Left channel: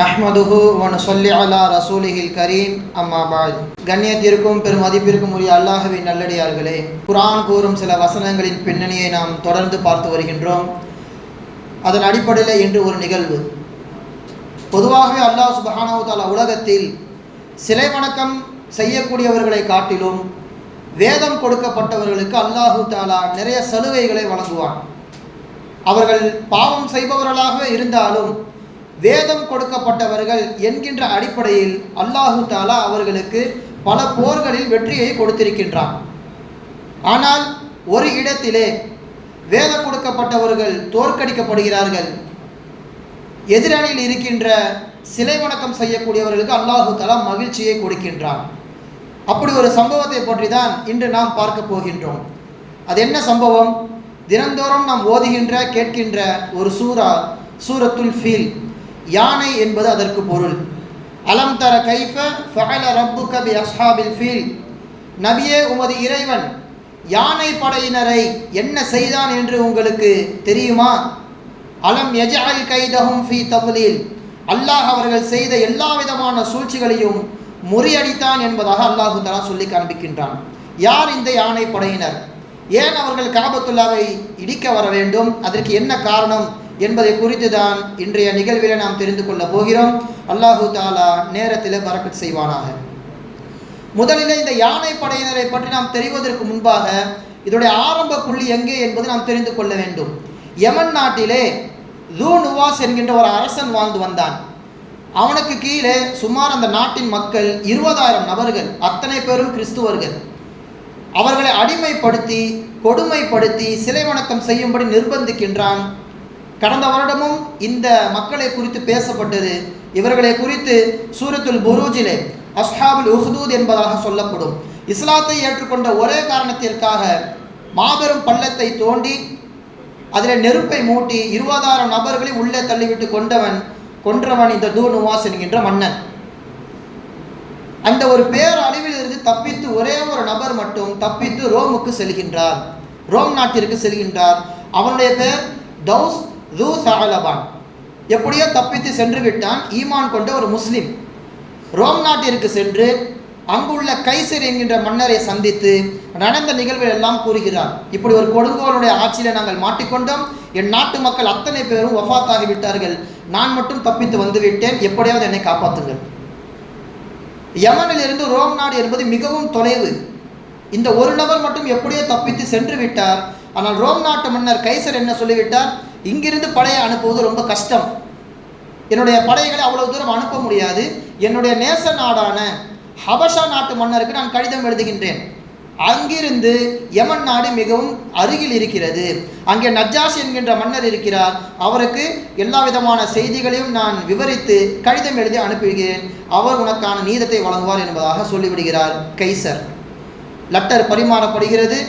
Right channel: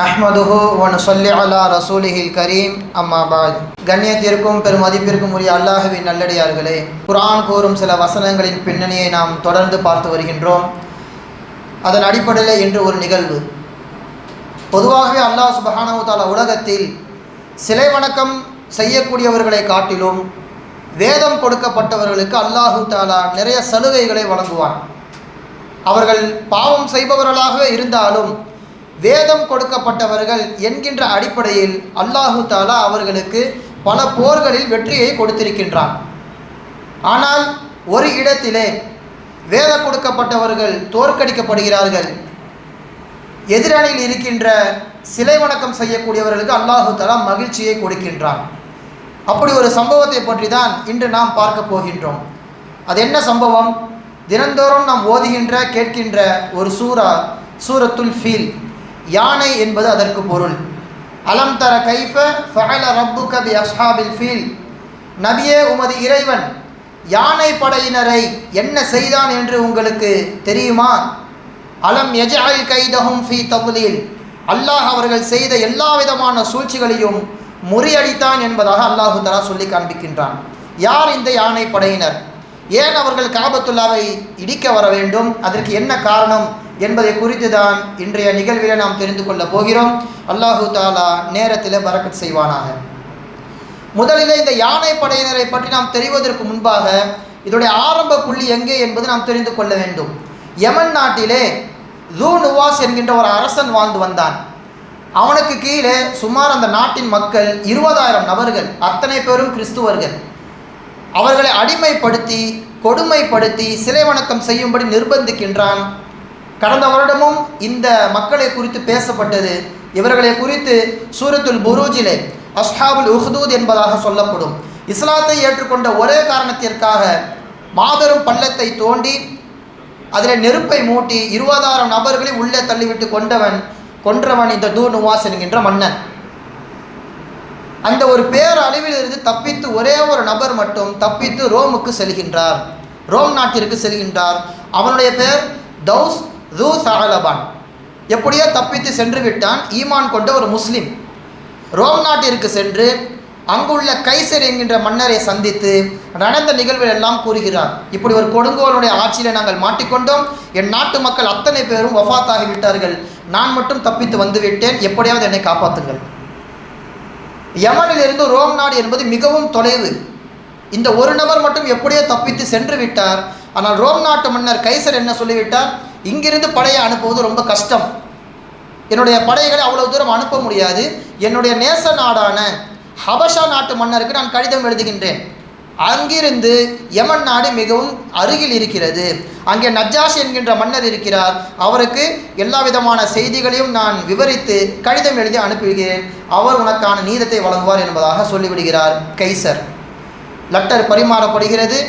நஹ்மதுஹு வ நுஸல்லி அலா ரசூலிஹில் கரீம் அம்மா பாத். கண்ணியத்திற்கும் பெருமதிப்பிற்கும் உரிய அல்லாஹ்வின் நல்லடியார்களே, குர்ஆன் கூறும் சில வசனங்களின் பின்னணியை நாம் தொடர்ந்து பார்த்து வருகின்றோம். அதன் அடிப்படையில் இன்று ஒரு நிகழ்வு. பொதுவாகவே அல்லாஹ் சுப்ஹானஹு வ தஆலா உலகத்தில் சிலை வணக்கம் செய்யக்கூடியவர்களை காட்டிலும் வேதம் கொடுக்கப்பட்டவர்களுக்கு அல்லாஹு தஆலா நிறைய சலுகைகளை வழங்குவான். அவர்கள் பாவம் செய்பவர்களாக இருந்தாலும் வேதம் கொடுக்கப்பட்டவர்கள் என்கின்ற அடிப்படையில் அல்லாஹு தஆலா அவர்களுக்கு பல போர்களில் வெற்றியை கொடுத்திருக்கின்றான். ஆனால் ஒரு இடத்திலே வேதம் கொடுக்கப்பட்டவர்கள் தோற்கடிக்கப்படுகிறார்கள். எதிரணியில் இருக்கின்ற சிலை வணக்கம் செய்யக்கூடியவர்களுக்கு அல்லாஹு தஆலா மகிழ்ச்சியை கொடுக்கின்றான். அப்படி ஒரு சம்பவத்தை பற்றி தான் இன்று நாம் பார்க்க போகின்றோம். அது என்ன சம்பவம்? தினந்தோறும் நாம் ஓதுகின்ற கேட்கின்ற ஒரு சூரத்துல் ஃபீல், யானை என்பது அதற்கு பொருள். அலம் தர கைஃப ஃபஅல ரப்புக பி அஸ்ஹாபில் ஃபீல். நபியே, உமது இறைவன் யானை படையினரை என்ன செய்தான் என்று உங்களுக்கு தெரியுமா? அலம் யஜஅல் கைதஹும் ஃபீ தப்லீல். அல்லாஹ் அவர்கள் செய்த எல்லா விதமான சூழ்ச்சிகளையும் முறியடித்தான் என்பதாக அல்லாஹு தஆலா சொல்லி காண்பிக்கின்றான். யார் இந்த யானை படையினர்? ஏன் அவர்கள் காபத்துல்லாவை இடிக்க வர வேண்டும்? அதற்கு என்ன காரணம் என்பதை குறித்து தான் இன்றைய நிகழ்வில் நாம் தெரிந்து கொள்ள போகிறோம். அல்லாஹு தஆலா நேரத்தில் பரக்கத் செய்வானாக. முதலில் இந்த யானை படையினரை பற்றி நாம் தெரிவதற்கு முன்பாக இதோடைய ஆரம்ப புள்ளி எங்கே என்பது நாம் தெரிந்து கொள்ள வேண்டும். யமன் நாட்டிலே ஜூ நுவாஸ் என்கின்ற ஒரு அரசன் வாழ்ந்து வந்தான். அவனுக்கு கீழே சுமார் அந்த நாட்டின் மக்கள் 20,000 நபர்கள், அத்தனை பேரும் கிறிஸ்துவர்கள். அவர்களை அடிமைப்படுத்தி கொடுமைப்படுத்தி சிலை வணக்கம் செய்யும்படி நிர்பந்திக்கின்றான். கடந்த வருடமும் இந்த மக்களை குறித்து பேசப்பட்டது. இவர்களை குறித்து சூரத்துல் புரூஜிலே அஸ்ஹாபுல் உஹ்தூத் என்பதாக சொல்லப்படும். இஸ்லாத்தை ஏற்றுக்கொண்ட ஒரே காரணத்திற்காக மாபெரும் பள்ளத்தை தோண்டி அதில் நெருப்பை மூட்டி 20,000 நபர்களை உள்ளே தள்ளிவிட்டு கொன்றவன் இந்த ஜூ நுவாஸ் என்கின்ற மன்னன். அந்த ஒரு பேரழிவில் இருந்து தப்பித்து ஒரே ஒரு நபர் மட்டும் தப்பித்து ரோமுக்கு செல்கின்றார், ரோம் நாட்டிற்கு செல்கின்றார். அவனுடைய பேர் தௌஸ் ஜூ சஅலபான். எப்படியோ தப்பித்து சென்று விட்டான். ஈமான் கொண்ட ஒரு முஸ்லிம் ரோம் நாட்டிற்கு சென்று அங்குள்ள கைசர் என்கின்ற மன்னரை சந்தித்து நடந்த நிகழ்வுகள் எல்லாம் கூறுகிறார். இப்படி ஒரு கொடுங்கோலுடைய ஆட்சியில் நாங்கள் மாட்டிக்கொண்டோம். என் நாட்டு மக்கள் அத்தனை பேரும் வஃபாத்தாகி விட்டார்கள். நான் மட்டும் தப்பித்து வந்துவிட்டேன். எப்படியாவது என்னை காப்பாற்றுங்கள். யமனிலிருந்து ரோம் நாடு என்பது மிகவும் தொலைவு. இந்த ஒரு நபர் மட்டும் எப்படியோ தப்பித்து சென்று விட்டார். ஆனால் ரோம் நாட்டு மன்னர் கைசர் என்ன சொல்லிவிட்டார்? இங்கிருந்து படையை அனுப்புவது ரொம்ப கஷ்டம். என்னுடைய படைகளை அவ்வளவு தூரம் அனுப்ப முடியாது. என்னுடைய நேச நாடான ஹபஷா நாட்டு மன்னருக்கு நான் கடிதம் எழுதுகின்றேன். அங்கிருந்து யமன் நாடு மிகவும் அருகில் இருக்கிறது. அங்கே நஜ்ஜாஷி என்கின்ற மன்னர் இருக்கிறார். அவருக்கு எல்லா விதமான செய்திகளையும் நான் விவரித்து கடிதம் எழுதி அனுப்புகிறேன். அவர் உனக்கான நீதத்தை வழங்குவார் என்பதாக சொல்லிவிடுகிறார் கைசர். லெட்டர் பரிமாறப்படுகிறது.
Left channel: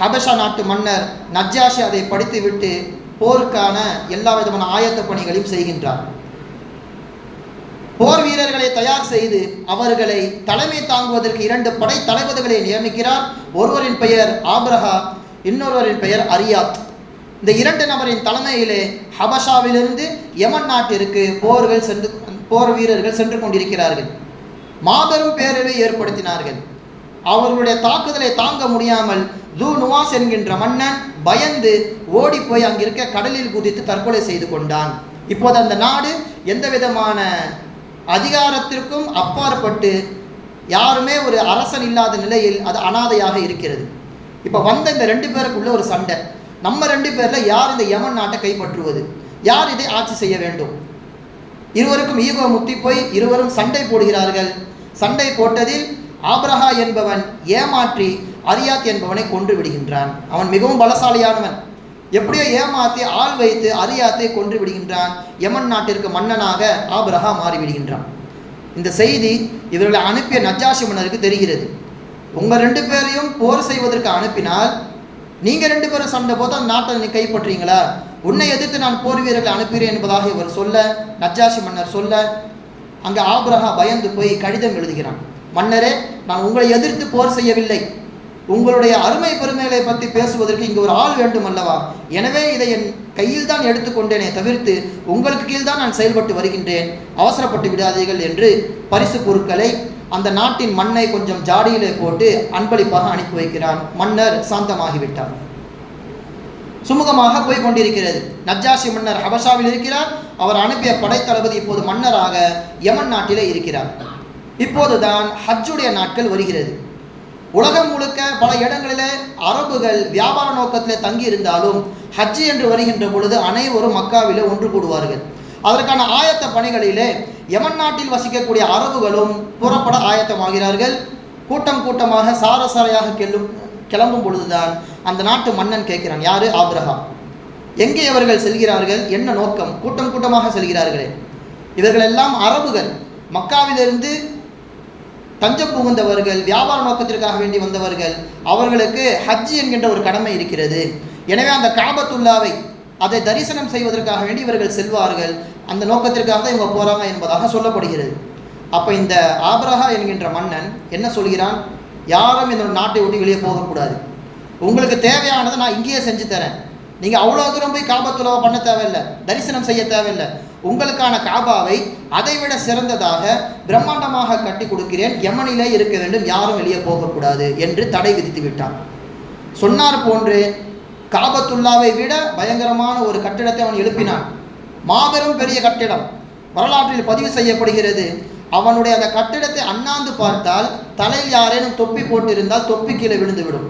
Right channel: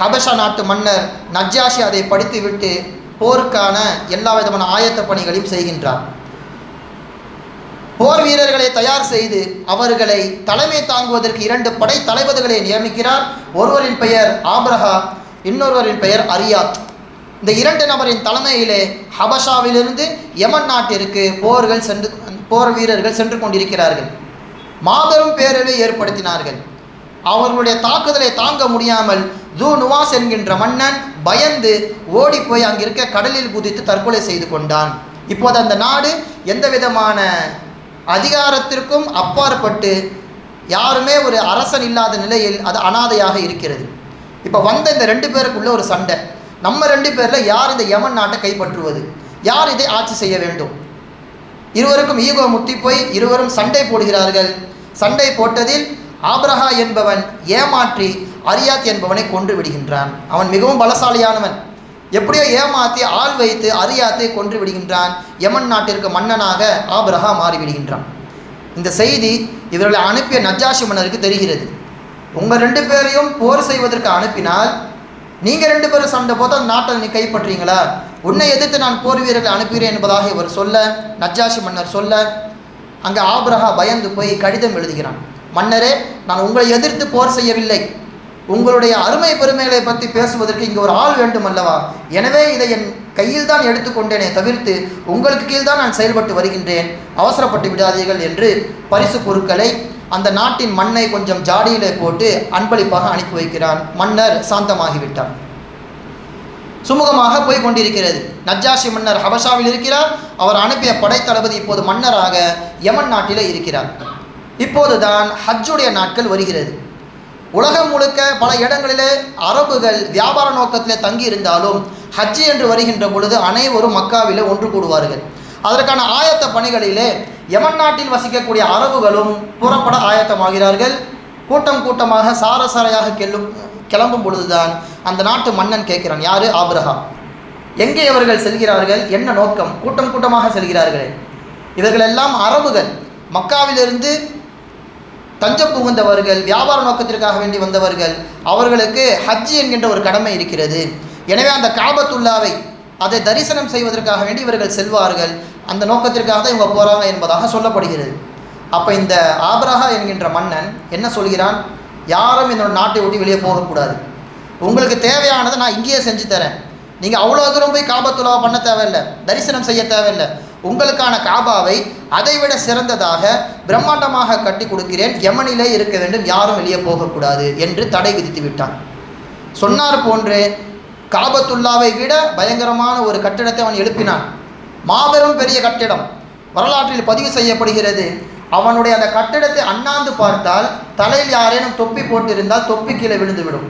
ஹபஷா நாட்டு மன்னர் நஜ்ஜாஷி அதை படித்துவிட்டு போருக்கான எல்லா விதமான ஆயத்த பணிகளையும் செய்கின்றார். போர் வீரர்களை தயார் செய்து அவர்களை தலைமை தாங்குவதற்கு 2 படை தளபதிகளை நியமிக்கிறார். ஒருவரின் பெயர் ஆப்ரஹா, இன்னொருவரின் பெயர் அரியாத். இந்த 2 நபரின் தலைமையிலே ஹபஷாவிலிருந்து யமன் நாட்டிற்கு போர் வீரர்கள் சென்று கொண்டிருக்கிறார்கள். மாபெரும் பேரழிவை ஏற்படுத்தினார்கள். அவர்களுடைய தாக்குதலை தாங்க முடியாமல் ஜூ நுவாஸ் என்கின்ற மன்னன் பயந்து ஓடி போய் அங்கிருக்க கடலில் குதித்து தற்கொலை செய்து கொண்டான். இப்போது அந்த நாடு எந்த விதமான அதிகாரத்திற்கும் அப்பாற்பட்டு யாருமே ஒரு அரசன் இல்லாத நிலையில் அது அனாதையாக இருக்கிறது. இப்போ வந்த இந்த 2 பேருக்குள்ள ஒரு சண்டை. நம்ம 2 பேரில் யார் இந்த யமன் நாட்டை கைப்பற்றுவது, யார் இதை ஆட்சி செய்ய வேண்டும்? இருவருக்கும் ஈகோ முத்தி போய் இருவரும் சண்டை போடுகிறார்கள். சண்டை போட்டதில் ஆப்ரஹா என்பவன் ஏமாற்றி அரியாத் என்பவனை கொன்று விடுகின்றான். அவன் மிகவும் பலசாலியானவன். எப்படியோ ஏமாற்றி ஆள் வைத்து அரியாத்தை கொன்று விடுகின்றான். யமன் நாட்டிற்கு மன்னனாக ஆப்ரஹா மாறிவிடுகின்றான். இந்த செய்தி இவர்களை அனுப்பிய நஜ்ஜாஷி மன்னருக்கு தெரிகிறது. உங்கள் 2 பேரையும் போர் செய்வதற்கு அனுப்பினால் நீங்கள் 2 பேரும் சண்டை போது அந்த நாட்டை நீ கைப்பற்றீங்களா? உன்னை எதிர்த்து நான் போர் வீரர்களை அனுப்புகிறேன் என்பதாக இவர் சொல்ல, நஜ்ஜாஷி மன்னர் சொல்ல, அங்கே ஆப்ரஹா பயந்து போய் கடிதம் எழுதுகிறான். மன்னரே, நான் உங்களை எதிர்த்து போர் செய்யவில்லை. உங்களுடைய அருமை பெருமைகளை பற்றி பேசுவதற்கு இங்கு ஒரு ஆள் வேண்டும் அல்லவா? எனவே இதை என் கையில் தான் எடுத்துக்கொண்டேனே தவிர்த்து உங்களுக்கு கீழ்தான் நான் செயல்பட்டு வருகின்றேன், அவசரப்பட்டு விடாதீர்கள் என்று பரிசு பொருட்களை அந்த நாட்டின் மண்ணை கொஞ்சம் ஜாடியிலே போட்டு அன்பளிப்பாக அனுப்பி வைக்கிறான். மன்னர் சாந்தமாகிவிட்டார். சுமூகமாக போய் கொண்டிருக்கிறது. நஜ்ஜாஷி மன்னர் ஹபஷாவில் இருக்கிறார். அவர் அனுப்பிய படைத்தளபதி இப்போது மன்னராக யமன் நாட்டில் இருக்கிறார். இப்போதுதான் ஹஜ்ஜுடைய நாட்கள் வருகிறது. உலகம் முழுக்க பல இடங்களிலே அரபுகள் வியாபார நோக்கத்தில் தங்கி இருந்தாலும் ஹஜ்ஜி என்று வருகின்ற பொழுது அனைவரும் மக்காவிலே ஒன்று கூடுவார்கள். அதற்கான ஆயத்த பணிகளிலே யமன் நாட்டில் வசிக்கக்கூடிய அரபுகளும் புறப்பட ஆயத்தமாகிறார்கள். கூட்டம் கூட்டமாக சாரசாரையாக கிளம்பும் பொழுதுதான் அந்த நாட்டு மன்னன் கேட்கிறான், யாரு? ஆபிரஹா. எங்கே இவர்கள் செல்கிறார்கள்? என்ன நோக்கம்? கூட்டம் கூட்டமாக செல்கிறார்கள். இவர்கள் எல்லாம் அரபுகள், மக்காவிலிருந்து தஞ்சம் புகுந்தவர்கள், வியாபார நோக்கத்திற்காக வேண்டி வந்தவர்கள். அவர்களுக்கு ஹஜ் என்கின்ற ஒரு கடமை இருக்கிறது. எனவே அந்த காபத்துல்லாவை அதை தரிசனம் செய்வதற்காக வேண்டி இவர்கள் செல்வார்கள். அந்த நோக்கத்திற்காக தான் இவங்க போகிறாங்க என்பதாக சொல்லப்படுகிறது. அப்போ இந்த ஆபிரஹா என்கின்ற மன்னன் என்ன சொல்கிறான்? யாரும் என்னோட நாட்டை விட்டு வெளியே போகக்கூடாது. உங்களுக்கு தேவையானதை நான் இங்கேயே செஞ்சு தரேன். நீங்கள் அவ்வளோ தூரம் போய் காபத்துல்லாவை பண்ண தேவையில்லை, தரிசனம் செய்ய தேவையில்லை. உங்களுக்கான காபாவை அதைவிட சிறந்ததாக பிரம்மாண்டமாக கட்டி கொடுக்கிறேன். யமனிலே இருக்க வேண்டும், யாரும் வெளியே போகக்கூடாது என்று தடை விதித்து விட்டான். சொன்னார் போன்று காபத்துல்லாவை விட பயங்கரமான ஒரு கட்டிடத்தை அவன் எழுப்பினான். மாபெரும் பெரிய கட்டிடம் வரலாற்றில் பதிவு செய்யப்படுகிறது. அவனுடைய அந்த கட்டிடத்தை அண்ணாந்து பார்த்தால் தலையில் யாரேனும் தொப்பி போட்டிருந்தால் தொப்பி கீழே விழுந்துவிடும்.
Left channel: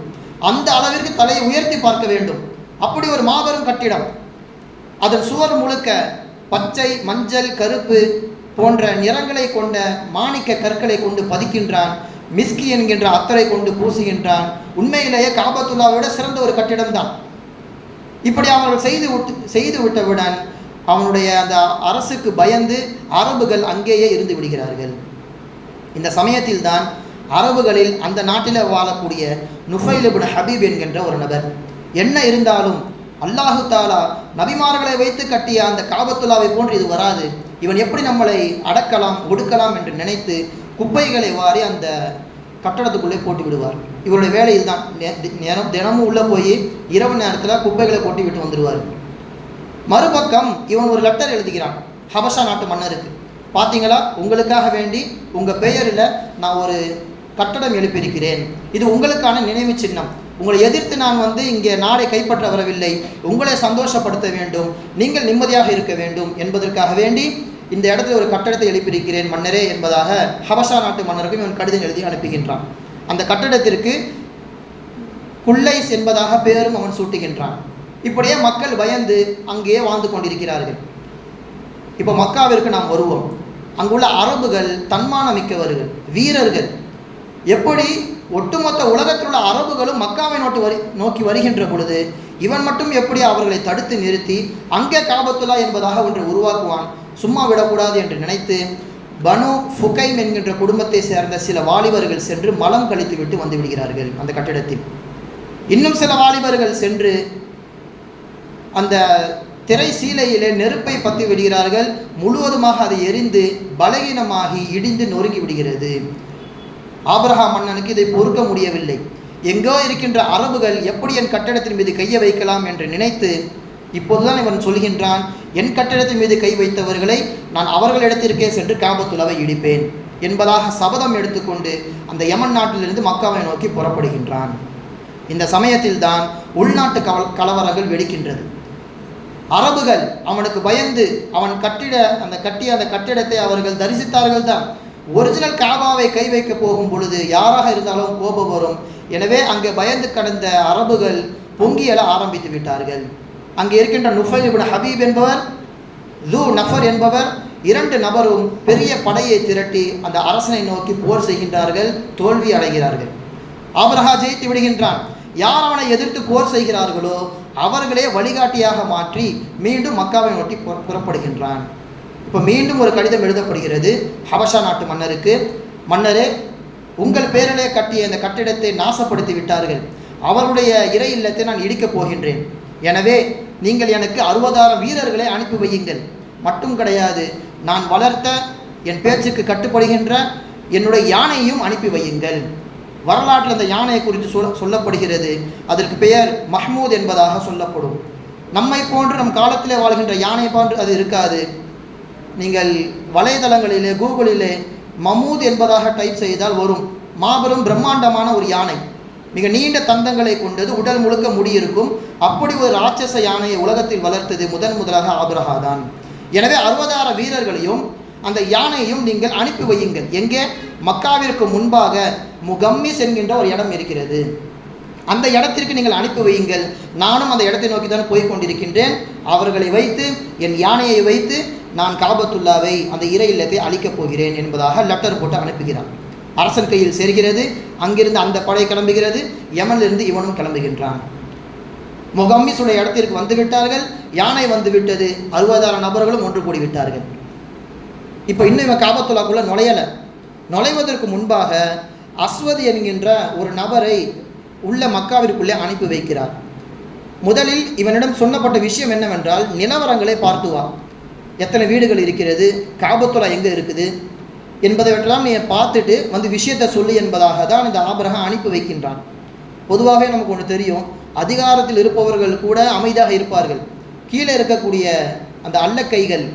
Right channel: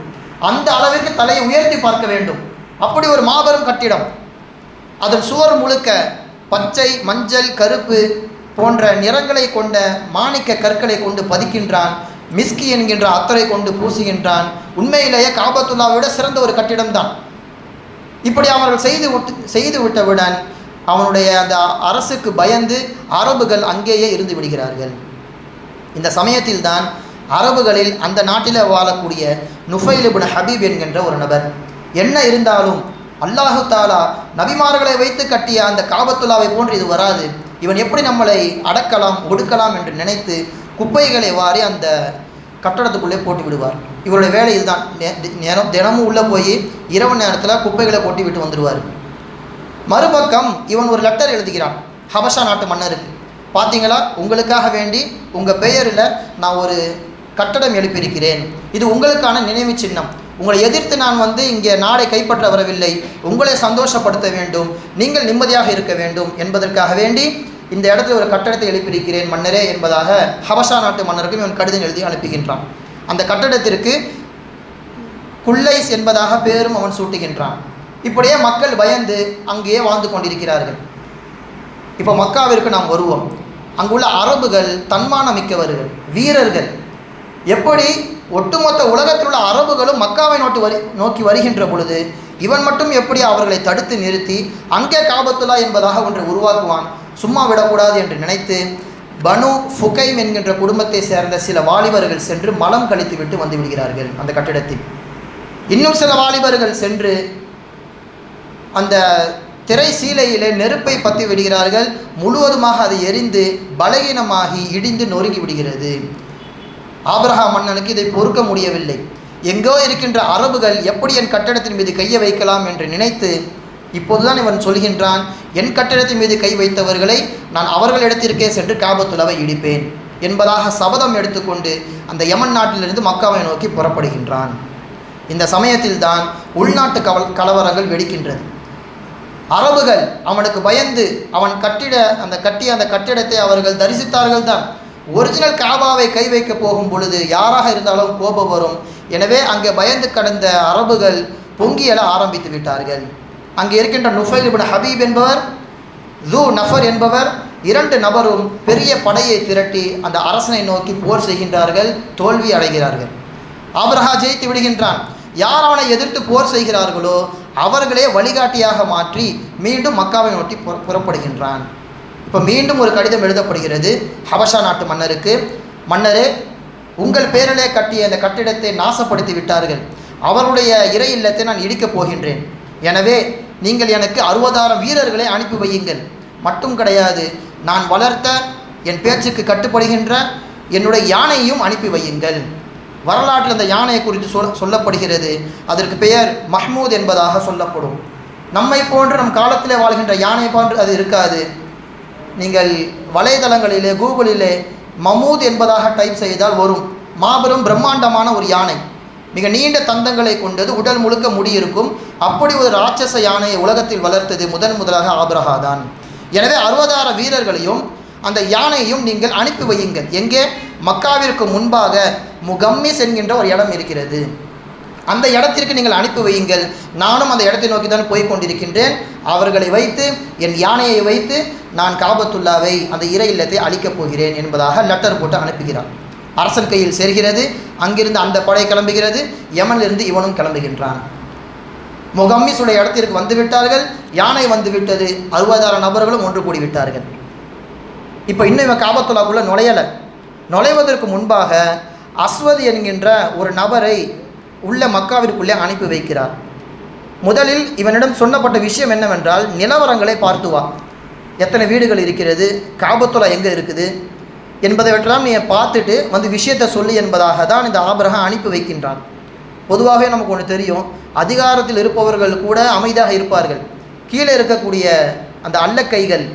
அந்த அளவிற்கு தலையை உயர்த்தி பார்க்க வேண்டும். அப்படி ஒரு மாபெரும் கட்டிடம். அதன் சுவர் முழுக்க பச்சை, மஞ்சள், கருப்பு போன்ற நிறங்களை கொண்ட மாணிக்க கற்களை கொண்டு பதிக்கின்றான். மிஸ்கி என்கின்ற அத்தரை கொண்டு பூசுகின்றான். உண்மையிலேயே காபத்துல்லாவை விட சிறந்த ஒரு கட்டிடம்தான். இப்படி அவர்கள் செய்து விட்டவுடன் அவனுடைய அந்த அரசுக்கு பயந்து அரபுகள் அங்கேயே இருந்து விடுகிறார்கள். இந்த சமயத்தில் தான் அரபுகளில் அந்த நாட்டில் வாழக்கூடிய நுஃபைல் இப்னு ஹபீப் என்கின்ற ஒரு நபர், என்ன இருந்தாலும் அல்லாஹு தாலா நபிமார்களை வைத்து கட்டிய அந்த காபத்துல்லாவை போன்று இது வராது, இவன் எப்படி நம்மளை அடக்கலாம் ஒடுக்கலாம் என்று நினைத்து குப்பைகளை வாரி அந்த கட்டடத்துக்குள்ளே போட்டு விடுவார். இவருடைய வேலை இதுதான். தினமும் உள்ளே போய் இரவு நேரத்தில் குப்பைகளை போட்டு விட்டு வந்துடுவார். மறுபக்கம் இவன் ஒரு லெட்டர் எழுதுகிறான் ஹபஷா நாட்டு மன்னருக்கு. பார்த்தீங்களா, உங்களுக்காக வேண்டி உங்கள் பெயரில் நான் ஒரு கட்டடம் எழுப்பியிருக்கிறேன். இது உங்களுக்கான நினைவு சின்னம். உங்களை எதிர்த்து நான் இங்கே நாடை கைப்பற்ற வரவில்லை, உங்களை சந்தோஷப்படுத்த வேண்டும், நீங்கள் நிம்மதியாக இருக்க வேண்டும் என்பதற்காக வேண்டி இந்த இடத்துல ஒரு கட்டடத்தை எழுப்பியிருக்கிறேன் மன்னரே என்பதாக ஹபஷா நாட்டு மன்னருக்கும் இவன் கடிதம் எழுதி அனுப்புகின்றான். அந்த கட்டடத்திற்கு குல்லைஸ் என்பதாக பேரும் அவன் சூட்டுகின்றான். இப்படியே மக்கள் பயந்து அங்கேயே வாழ்ந்து கொண்டிருக்கிறார்கள். இப்போ மக்காவிற்கு நாம் வருவோம். அங்குள்ள அரபுகள் தன்மானமிக்கவர்கள், வீரர்கள். எப்படி ஒட்டுமொத்த உலகத்தில் உள்ள அரபுகளும் மக்காவை நோக்கி வருகின்ற பொழுது இவன் மட்டும் எப்படி அவர்களை தடுத்து நிறுத்தி அங்கே காபத்துல்லா என்பதாக ஒன்று உருவாக்குவான், சும்மா விடக்கூடாது என்று நினைத்து பனு ஃபுகைம் என்கின்ற குடும்பத்தை சேர்ந்த சில வாலிபர்கள் சென்று மலம் கழித்து விட்டு வந்து விடுகிறார்கள் அந்த கட்டிடத்தில். இன்னும் சில வாலிபர்கள் சென்று அந்த திரை சீலையிலே நெருப்பை பற்றி விடுகிறார்கள். முழுவதுமாக அதை எரிந்து பலகீனமாகி இடிந்து நொறுங்கி விடுகிறது. ஆபிரஹா மன்னனுக்கு இதை பொறுக்க முடியவில்லை. எங்கோ இருக்கின்ற அரபுகள் எப்படி என் கட்டடத்தின் மீது கையை வைக்கலாம் என்று நினைத்து இப்போதுதான் இவன் சொல்கின்றான், என் கட்டடத்தின் மீது கை வைத்தவர்களை நான் அவர்களிடத்திற்கே சென்று காபத்துல்லாவை இடிப்பேன் என்பதாக சபதம் எடுத்துக்கொண்டு அந்த யமன் நாட்டிலிருந்து மக்காவை நோக்கி புறப்படுகின்றான். இந்த சமயத்தில்தான் உள்நாட்டு கலவரங்கள் வெடிக்கின்றது. அரபுகள் அவனுக்கு பயந்து அவன் கட்டிய அந்த கட்டிடத்தை அவர்கள் தரிசித்தார்கள் தான். ஒரிஜினல் காபாவை கை வைக்க போகும் பொழுது யாராக இருந்தாலும் கோபம் வரும். எனவே அங்கே பயந்து கடந்த அரபுகள் பொங்கியல ஆரம்பித்து விட்டார்கள். அங்கே இருக்கின்ற நுஃபைல் இப்னு ஹபீப் என்பவர், ஜூ நஃபர் என்பவர், இரண்டு நபரும் பெரிய படையை திரட்டி அந்த அரசனை நோக்கி போர் செய்கின்றார்கள். தோல்வி அடைகிறார்கள். ஆபிரஹா ஜெயித்து விடுகின்றான். யார் அவனை எதிர்த்து போர் செய்கிறார்களோ அவர்களே வழிகாட்டியாக மாற்றி மீண்டும் மக்காவை நோக்கி புறப்படுகின்றான். இப்போ மீண்டும் ஒரு கடிதம் எழுதப்படுகிறது ஹபஷா நாட்டு மன்னருக்கு. மன்னரே, உங்கள் பேரிலே கட்டிய அந்த கட்டிடத்தை நாசப்படுத்தி விட்டார்கள். அவருடைய இறை இல்லத்தை நான் இடிக்கப் போகின்றேன். எனவே நீங்கள் எனக்கு 60,000 வீரர்களை அனுப்பி வையுங்கள். மட்டும் கிடையாது, நான் வளர்த்த என் பேச்சுக்கு கட்டுப்படுகின்ற என்னுடைய யானையையும் அனுப்பி வையுங்கள். வரலாற்றில் அந்த யானையை குறித்து சொல்லப்படுகிறது. அதற்கு பெயர் மஹ்மூத் என்பதாக சொல்லப்படும். நம்மை போன்று நம் காலத்தில் வாழ்கின்ற யானை போன்று அது இருக்காது. நீங்கள் வலைதளங்களிலே கூகுளிலே மமூத் என்பதாக டைப் செய்தால் வரும். மாபெரும் பிரம்மாண்டமான ஒரு யானை, மிக நீண்ட தந்தங்களை கொண்டது, உடல் முழுக்க முடி இருக்கும். அப்படி ஒரு ராட்சச யானையை உலகத்தில் வளர்த்தது முதலாக ஆபிரஹா தான். எனவே 60,000 வீரர்களையும் அந்த யானையையும் நீங்கள் அனுப்பி வையுங்கள். எங்கே? மக்காவிற்கு முன்பாக முகம்மிஸ் என்கின்ற ஒரு இடம் இருக்கிறது. அந்த இடத்திற்கு நீங்கள் அனுப்பி வையுங்கள். நானும் அந்த இடத்தை நோக்கி தான் போய் கொண்டிருக்கின்றேன். அவர்களை வைத்து, என் யானையை வைத்து நான் காபத்துல்லாவை, அந்த இறை இல்லத்தை அழிக்கப் போகிறேன் என்பதாக லெட்டர் போட்டு அனுப்புகிறார். அரசன் கையில் சேர்கிறது. அங்கிருந்து அந்த படை கிளம்புகிறது. யமனிலிருந்து இவனும் கிளம்புகின்றான். முகம்மிஸுடைய இடத்திற்கு வந்துவிட்டார்கள். யானை வந்துவிட்டது. 60,000 நபர்களும் ஒன்று கூடி விட்டார்கள். இப்போ இன்னும் இவன் காபத்துல்லாக்குள்ளே நுழைவதற்கு முன்பாக அஸ்வத் என்கின்ற ஒரு நபரை உள்ள மக்காவிற்குள்ளே அனுப்பி வைக்கிறார். முதலில் இவனிடம் சொன்னப்பட்ட விஷயம் என்னவென்றால், நிலவரங்களை பார்த்து வா, எத்தனை வீடுகள் இருக்கிறது, காபத்துல்லா எங்கே இருக்குது என்பதைவற்றெல்லாம் நீ பார்த்துட்டு வந்து விஷயத்தை சொல்லு என்பதாக தான் இந்த ஆபிரஹா அனுப்பி வைக்கின்றான். பொதுவாகவே நமக்கு ஒன்று தெரியும், அதிகாரத்தில் இருப்பவர்கள் கூட அமைதியாக இருப்பார்கள். கீழே இருக்கக்கூடிய அந்த அல்லக்கைகள்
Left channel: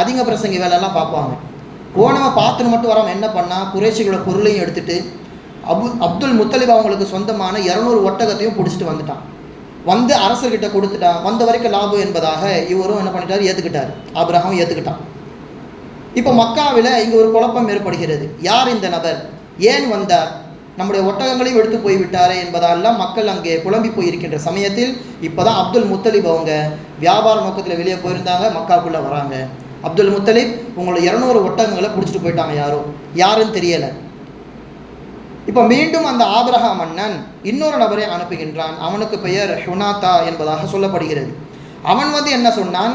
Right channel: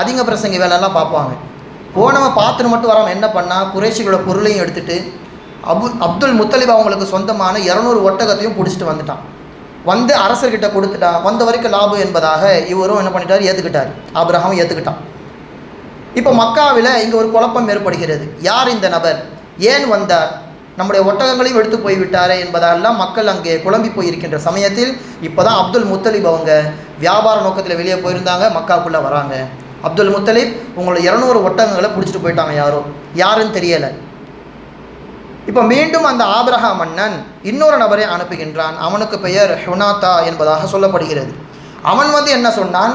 அதிக பிரசங்க வேலையெல்லாம் பார்ப்பாங்க. போனவன் பார்த்துன்னு மட்டும் வராமல் என்ன பண்ணால், குறைஷிகளோட பொருளையும் எடுத்துகிட்டு அப்துல் முத்தலிப் அவங்களுக்கு சொந்தமான 200 ஒட்டகத்தையும் பிடிச்சிட்டு வந்துட்டான். வந்து அரசர்கிட்ட கொடுத்துட்டான். வந்த வரைக்கும் லாபம் என்பதாக இவரும் என்ன பண்ணிட்டார், ஏற்றுக்கிட்டார். ஆபிரகாமும் ஏற்றுக்கிட்டான். இப்போ மக்காவில் இங்கே ஒரு குழப்பம் ஏற்படுகிறது. யார் இந்த நபர், ஏன் வந்தார், நம்முடைய ஒட்டகங்களையும் எடுத்து போய்விட்டாரே என்பதெல்லாம் மக்கள் அங்கே குழம்பி போயிருக்கின்ற சமயத்தில் இப்போ தான் அப்துல் முத்தலிப் அவங்க வியாபார நோக்கத்தில் வெளியே போயிருந்தாங்க. மக்காக்குள்ளே வராங்க. அப்துல் முத்தலிப் உங்களோட 200 ஒட்டகங்களை பிடிச்சிட்டு போயிட்டாங்க. யாருன்னு தெரியலை. இப்போ மீண்டும் அந்த ஆபிரஹா மன்னன் இன்னொரு நபரை அனுப்புகின்றான். அவனுக்கு பெயர் ஹுனாத்தா என்பதாக சொல்லப்படுகிறது. அவன் வந்து என்ன சொன்னான்,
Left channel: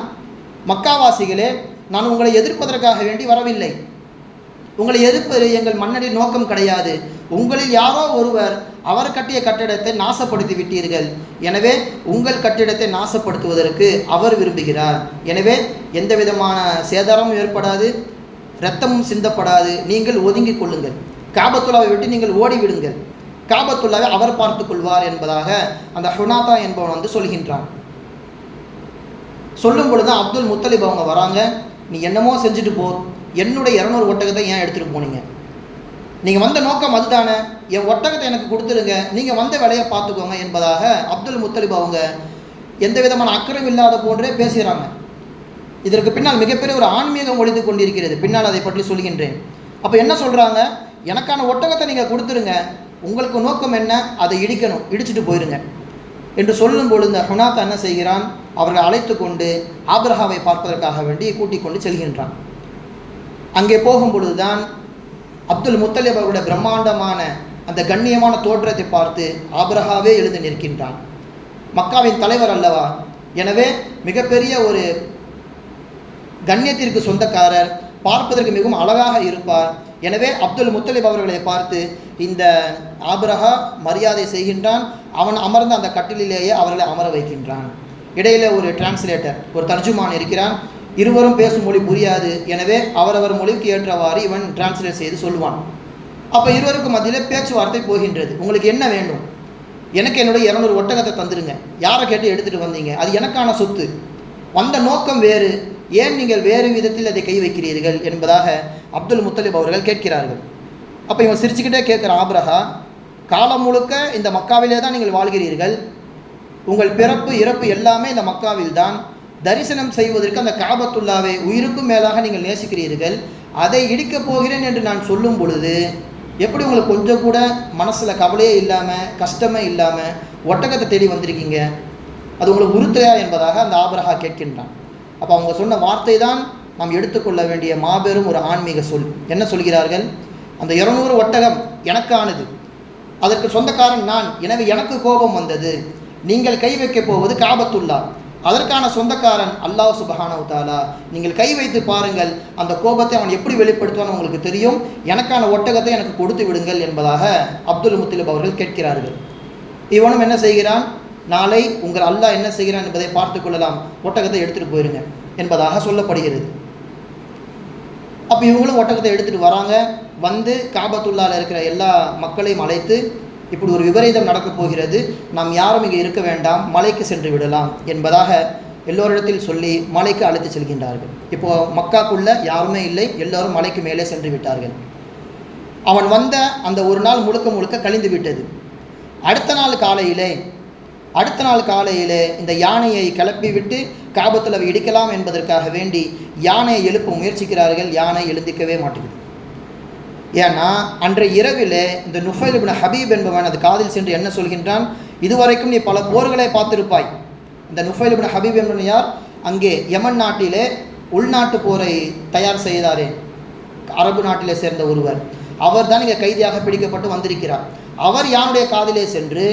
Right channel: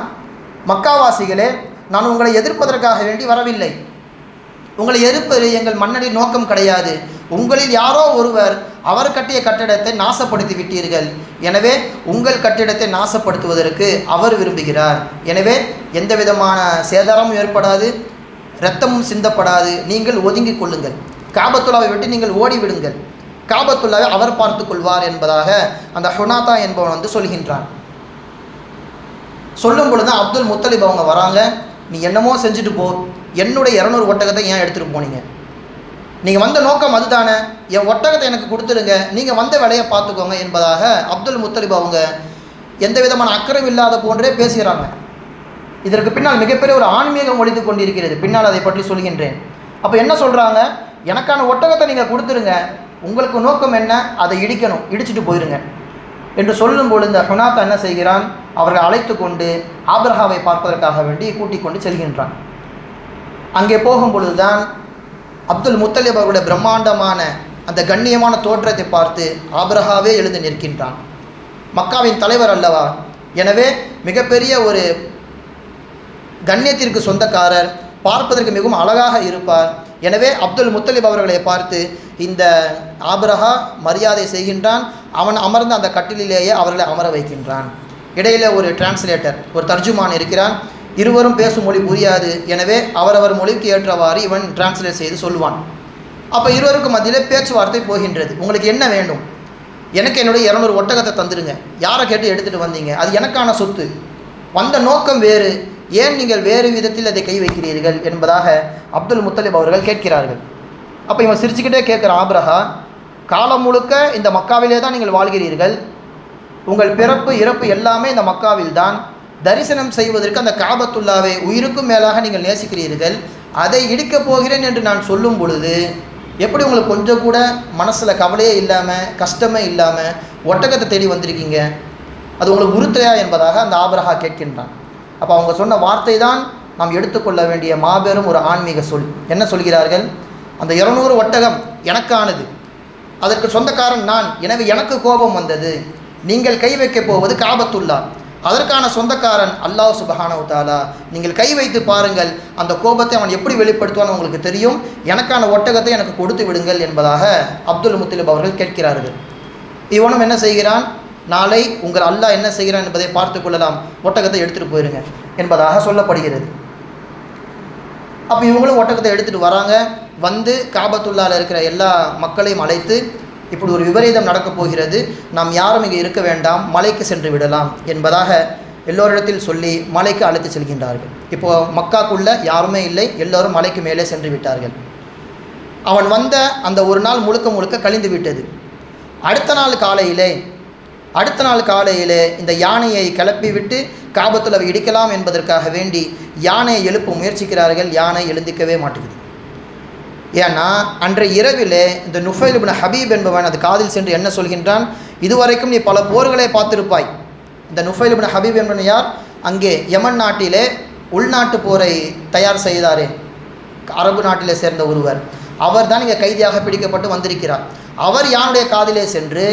மக்காவாசிகளே, நான் உங்களை எதிர்ப்பதற்காக வேண்டி வரவில்லை. உங்களை எதிர்ப்பது எங்கள் மன்னனின் நோக்கம் கிடையாது. உங்களில் யாரோ ஒருவர் அவர் கட்டிய கட்டிடத்தை நாசப்படுத்தி விட்டீர்கள். எனவே உங்கள் கட்டிடத்தை நாசப்படுத்துவதற்கு அவர் விரும்புகிறார். எனவே எந்த விதமான சேதாரமும் ஏற்படாது, இரத்தமும் சிந்தப்படாது. நீங்கள் ஒதுங்கிக் கொள்ளுங்கள். காபத்துல்லாவை விட்டு நீங்கள் ஓடிவிடுங்கள். காபத்துல்லாவை அவர் பார்த்து கொள்வார் என்பதாக அந்த ஹுனாத்தா என்பவன் வந்து சொல்கின்றான். சொல்லும் பொழுது அப்துல் முத்தலிப் அவங்க வராங்க. நீ என்னமோ செஞ்சுட்டு போ, என்னுடைய 200 ஒட்டகத்தை ஏன் எடுத்துகிட்டு போனீங்க? நீங்கள் வந்த நோக்கம் அதுதானே, என் ஒட்டகத்தை எனக்கு கொடுத்துருங்க, நீங்கள் வந்த வேலையை பார்த்துக்கோங்க என்பதாக அப்துல் முத்தலிப் அவங்க எந்த விதமான அக்கறையும் இல்லாத போன்றே பேசுகிறாங்க. இதற்கு பின்னால் மிகப்பெரிய ஒரு ஆன்மீகம் ஒழித்து கொண்டிருக்கிறது. பின்னால் அதை பற்றி சொல்கின்றேன். அப்போ என்ன சொல்கிறாங்க, எனக்கான ஒட்டகத்தை நீங்கள் கொடுத்துருங்க, உங்களுக்கு நோக்கம் என்ன, அதை இடிக்கணும், இடிச்சிட்டு போயிருங்க என்று சொல்லும் பொழுது இந்த ஹுனாத்தா என்ன செய்கிறான், அவர்களை அழைத்து கொண்டு ஆபிரஹாவை பார்ப்பதற்காக வேண்டி கூட்டிக் கொண்டு செல்கின்றான். அங்கே போகும் பொழுதுதான் அப்துல் முத்தலிப் அவருடைய பிரம்மாண்டமான அந்த கண்ணியமான தோற்றத்தை பார்த்து ஆபிரஹாவே எழுந்து நிற்கின்றான். மக்காவின் தலைவர் அல்லவா, எனவே மிகப்பெரிய ஒரு கண்ணியத்திற்கு சொந்தக்காரர், பார்ப்பதற்கு மிகவும் அழகாக இருப்பார். எனவே அப்துல் முத்தலிப் அவர்களை பார்த்து இந்த ஆபிரஹா மரியாதை செய்கின்றான். அவன் அமர்ந்த அந்த கட்டிலேயே அவர்களை அமர வைக்கின்றான். இடையில ஒரு டிரான்ஸ்லேட்டர், ஒரு தர்ஜுமான் இருக்கிறான். இருவரும் பேசும் மொழி புரியாது. எனவே அவரவர் மொழிக்கு ஏற்றவாறு இவன் டிரான்ஸ்லேட் செய்து சொல்வான். அப்போ இருவருக்கும் மத்தியில் பேச்சுவார்த்தை போகின்றது. உங்களுக்கு என்ன வேண்டும்? எனக்கு என்னுடைய 200 ஒட்டகத்தை தந்துடுங்க. யாரை கேட்டு எடுத்துகிட்டு வந்தீங்க? அது எனக்கான சொத்து. வந்த நோக்கம் வேறு, ஏன் நீங்கள் வேறு விதத்தில் அதை கை வைக்கிறீர்கள் என்பதாக அப்துல் முத்தலிப் அவர்கள் கேட்கிறார்கள். அப்போ இவன் சிரிச்சுக்கிட்டே கேட்குற ஆபிரஹா, காலம் முழுக்க இந்த மக்காவிலே தான் நீங்கள் வாழ்கிறீர்கள். உங்கள் பிறப்பு இறப்பு எல்லாமே இந்த மக்காவில் தான். தரிசனம் செய்வதற்கு அந்த காபத்துல்லாவை உயிருக்கும் மேலாக நீங்கள் நேசிக்கிறீர்கள். அதை இடிக்கப் போகிறேன் என்று நான் சொல்லும் பொழுது எப்படி உங்களுக்கு கொஞ்சம் கூட மனசில் கவலையே இல்லாமல், கஷ்டமே இல்லாமல் ஒட்டகத்தை தேடி வந்திருக்கீங்க? அது உங்களுக்கு உறுத்தையா என்பதாக அந்த ஆபிரஹா கேட்கின்றான். அப்போ அவங்க சொன்ன வார்த்தை தான் நாம் எடுத்துக்கொள்ள வேண்டிய மாபெரும் ஒரு ஆன்மீக சொல். என்ன சொல்கிறார்கள்? அந்த 200 ஒட்டகம் எனக்கானது, அதற்கு சொந்தக்காரன் நான். எனவே எனக்கு கோபம் வந்தது. நீங்கள் கை வைக்கப் போவது காபத்துல்லா, அதற்கான சொந்தக்காரன் அல்லாஹ் சுப்ஹானஹு வ தஆலா. நீங்கள் கை வைத்து பாருங்கள், அந்த கோபத்தை அவன் எப்படி வெளிப்படுத்துவான்னு உங்களுக்கு தெரியும். எனக்கான ஒட்டகத்தை எனக்கு கொடுத்து விடுங்கள் என்பதாக அப்துல் முத்தலிப் அவர்கள் கேட்கிறார்கள். இவனும் என்ன செய்கிறான், நாளை உங்கள் அல்லாஹ் என்ன செய்கிறான் என்பதை பார்த்து கொள்ளலாம், ஒட்டகத்தை எடுத்துகிட்டு போயிருங்க என்பதாக சொல்லப்படுகிறது. அப்போ இவங்களும் ஒட்டகத்தை எடுத்துகிட்டு வராங்க. வந்து காபத்துல்லாவில் இருக்கிற எல்லா மக்களையும் அழைத்து, இப்படி ஒரு விபரீதம் நடக்கப் போகிறது, நாம் யாரும் இங்கே இருக்க வேண்டாம், மலைக்கு சென்று விடலாம் என்பதாக எல்லோரிடத்தில் சொல்லி மலைக்கு அழைத்து செல்கின்றார்கள். இப்போது மக்காக்குள்ளே யாருமே இல்லை, எல்லோரும் மலைக்கு மேலே சென்று விட்டார்கள். அவன் வந்த அந்த ஒரு நாள் முழுக்க முழுக்க கழிந்து விட்டது. அடுத்த நாள் காலையிலே இந்த யானையை கிளப்பி விட்டு காபத்துல்லாவை இடிக்கலாம் என்பதற்காக வேண்டி யானையை எழுப்ப முயற்சிக்கிறார்கள். யானை எழுந்திக்கவே மாட்டேங்குது. ஏன்னா அன்றைய இரவிலே இந்த நுஃபைல் இப்னு ஹபீப் என்பவன் அது காதில் சென்று என்ன சொல்கின்றான், இதுவரைக்கும் நீ பல போர்களை பார்த்திருப்பாய். இந்த நுஃபைல் இப்னு ஹபீப் என்பவன் யார்? அங்கே யமன் நாட்டிலே உள்நாட்டு போரை தயார் செய்தாரே, அரபு நாட்டிலே சேர்ந்த ஒருவர். அவர் தான் இங்கே கைதியாக பிடிக்கப்பட்டு வந்திருக்கிறார். அவர் யானுடைய காதிலே சென்று,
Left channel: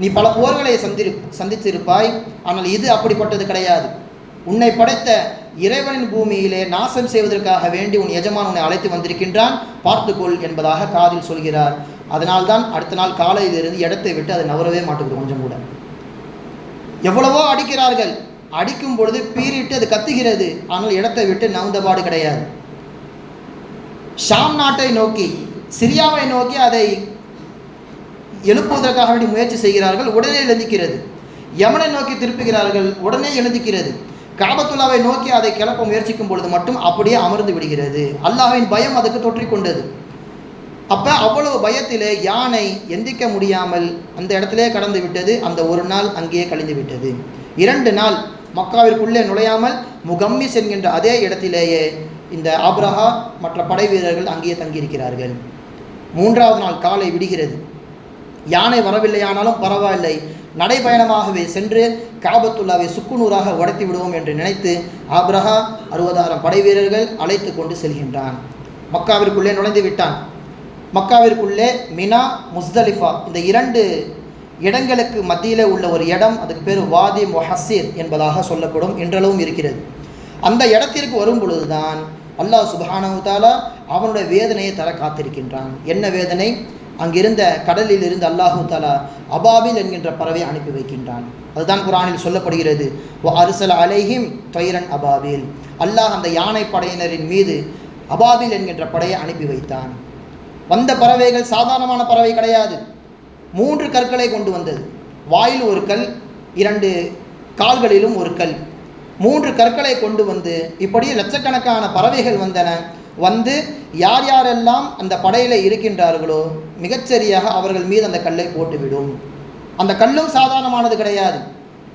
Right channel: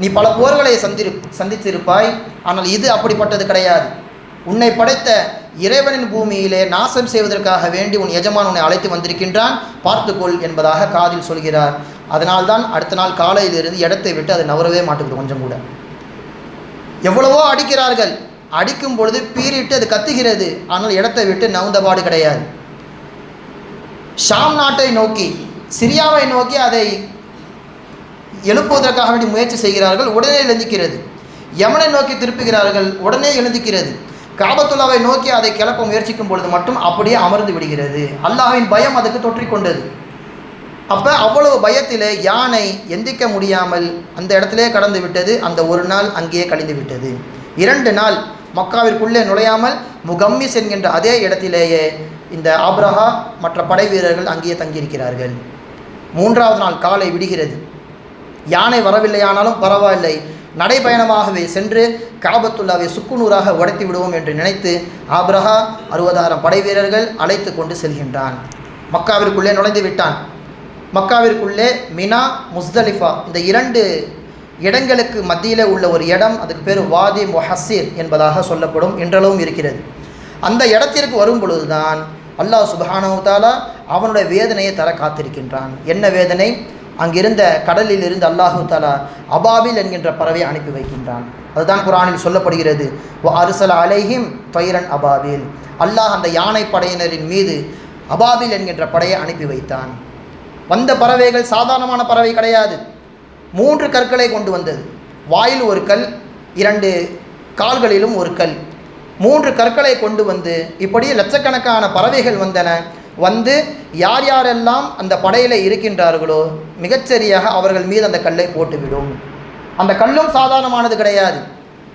நீ பல போர்களை சந்தித்திருப்பாய், ஆனால் இது அப்படிப்பட்டது கிடையாது. உன்னை படைத்த இறைவனின் பூமியிலே நாசம் செய்வதற்காக வேண்டி உன் எஜமான் உன்னை அழைத்து வந்திருக்கின்றான், பார்த்துக்கொள் என்பதாக காதில் சொல்கிறார். அதனால்தான் அடுத்த நாள் காலையிலிருந்து இடத்தை விட்டு அது நவரவே மாட்டேங்குது கொஞ்சம் கூட. எவ்வளவோ அடிக்கிறார்கள், அடிக்கும் பொழுது பீறிட்டு அது கத்துகிறது, ஆனால் இடத்தை விட்டு நவுந்தபாடு கிடையாது. ஷாம் நாட்டை நோக்கி, சிரியாவை நோக்கி அதை எழுப்புவதற்காக வேண்டி முயற்சி செய்கிறார்கள், உடனே எழுந்திக்கிறது. யமனை நோக்கி திருப்புகிறார்கள், உடனே எழுந்திக்கிறது. காபத்துல்லாவை நோக்கி அதை கிளப்ப முயற்சிக்கும் பொழுது மட்டும் அப்படியே அமர்ந்து விடுகிறது. அல்லாஹ்வின் பயம் அதுக்கு தொற்றிக்கொண்டது. அப்போ அவ்வளவு பயத்திலே யானை எந்திக்க முடியாமல் அந்த இடத்திலே கடந்து விட்டது. அந்த ஒரு நாள் அங்கேயே கழிந்து விட்டது. 2 நாள் மக்காவிற்குள்ளே நுழையாமல் முகம்மிஸ் என்கின்ற அதே இடத்திலேயே இந்த ஆப்ரஹா மற்ற படை வீரர்கள் அங்கேயே தங்கியிருக்கிறார்கள். 3வது நாள் காலை விடுகிறது. யானை வரவில்லையானாலும் பரவாயில்லை, நடைபயணமாகவே சென்று காபத்துல்லாவை சுக்குநூறாக உடைத்து விடுவோம் என்று நினைத்து ஆப்ரஹா 60,000 படை வீரர்கள் அழைத்து கொண்டு செல்கின்றான். மக்காவிற்குள்ளே நுழைந்து விட்டான். மக்காவிற்குள்ளே மினா, முஸ்தலிஃபா இந்த 2 இடங்களுக்கு மத்தியில் உள்ள ஒரு இடம், அதுக்கு பேர் வாதி முஹஸ்ஸிர் என்பதாக சொல்லப்படும், இன்றளவும் இருக்கிறது. அந்த இடத்திற்கு வரும் பொழுதுதான் அல்லாஹ் சுப்ஹானஹு வ தஆலா அவனுடைய வேதனையை தர காத்திருக்கின்றான். என்ன வேதனை? அங்கிருந்த கடலில் இருந்து அல்லாஹு தஆலா அபாபில் என்கின்ற பறவை அனுப்பி வைக்கின்றான். அதுதான் குர்ஆனில் சொல்லப்படுகிறது, வ அர்ஸல அலைஹிம் தைரன் அபாபில். அல்லாஹ் அந்த யானை படையினரின் மீது அபாபில் என்கின்ற படையை அனுப்பி வைத்தான். வந்த பறவைகள் சாதாரணமான பறவை கிடையாது. 3 கற்களை கொண்டு வந்தது. வாயில் ஒரு கல், 2 கால்களிலும் ஒரு கல், 3 கற்களை கொண்டு வந்து இப்படி லட்சக்கணக்கான பறவைகள் வந்தன. வந்து யார் யாரெல்லாம் அந்த படையில் இருக்கின்றார்களோ மிகச்சரியாக அவர்கள் மீது அந்த கல்லை போட்டுவிடும். அந்த கல்லும் சாதாரணமானது கிடையாது.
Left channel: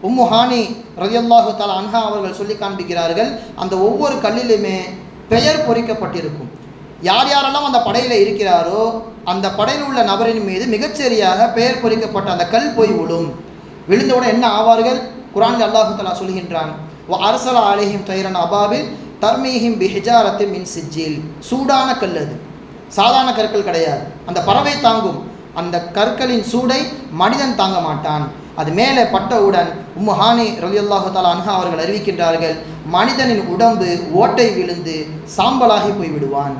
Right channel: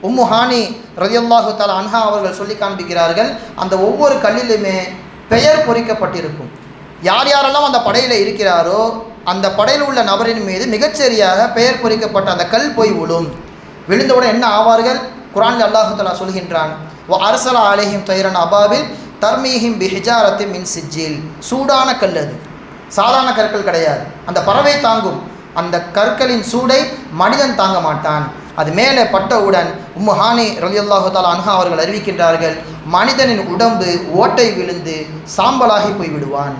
உம்மு ஹானி ரலியல்லாஹு தஆலா அன்ஹா அவர்கள் சொல்லி காண்பிக்கிறார்கள், அந்த ஒவ்வொரு கல்லிலுமே பெயர் பொறிக்கப்பட்டிருக்கும். யார் யாரெல்லாம் அந்த படையில் இருக்கிறாரோ அந்த படையில் உள்ள நபரின் மீது மிகச்சரியாக பெயர் பொறிக்கப்பட்ட அந்த கல் போய் விழும். விழுந்தவுடன் என்ன ஆவார்கள்? குர்ஆனில் அல்லாஹு தஆலா சொல்கின்றான், வ அர்ஸல அலைஹிம் தைரன் அபாபில் தர்மீஹிம் பிஹிஜாரத்தின் மின் சிஜ்ஜில். சூடான கல், அது சாதாரண கற்கள் கிடையாது. அந்த பறவை தாங்கும், அந்த கற்களின் சூடை மனிதன் தாங்க மாட்டான். அது மேலே பட்டவுடன் உம்மு ஹானி ரலியல்லாஹு தஆலா அன்ஹா அவர்கள் அறிவிக்கின்றார்கள், மனிதனின் உடம்பு ஓட்டை விழுந்து சாம்பலாகி போய்விடுவான்.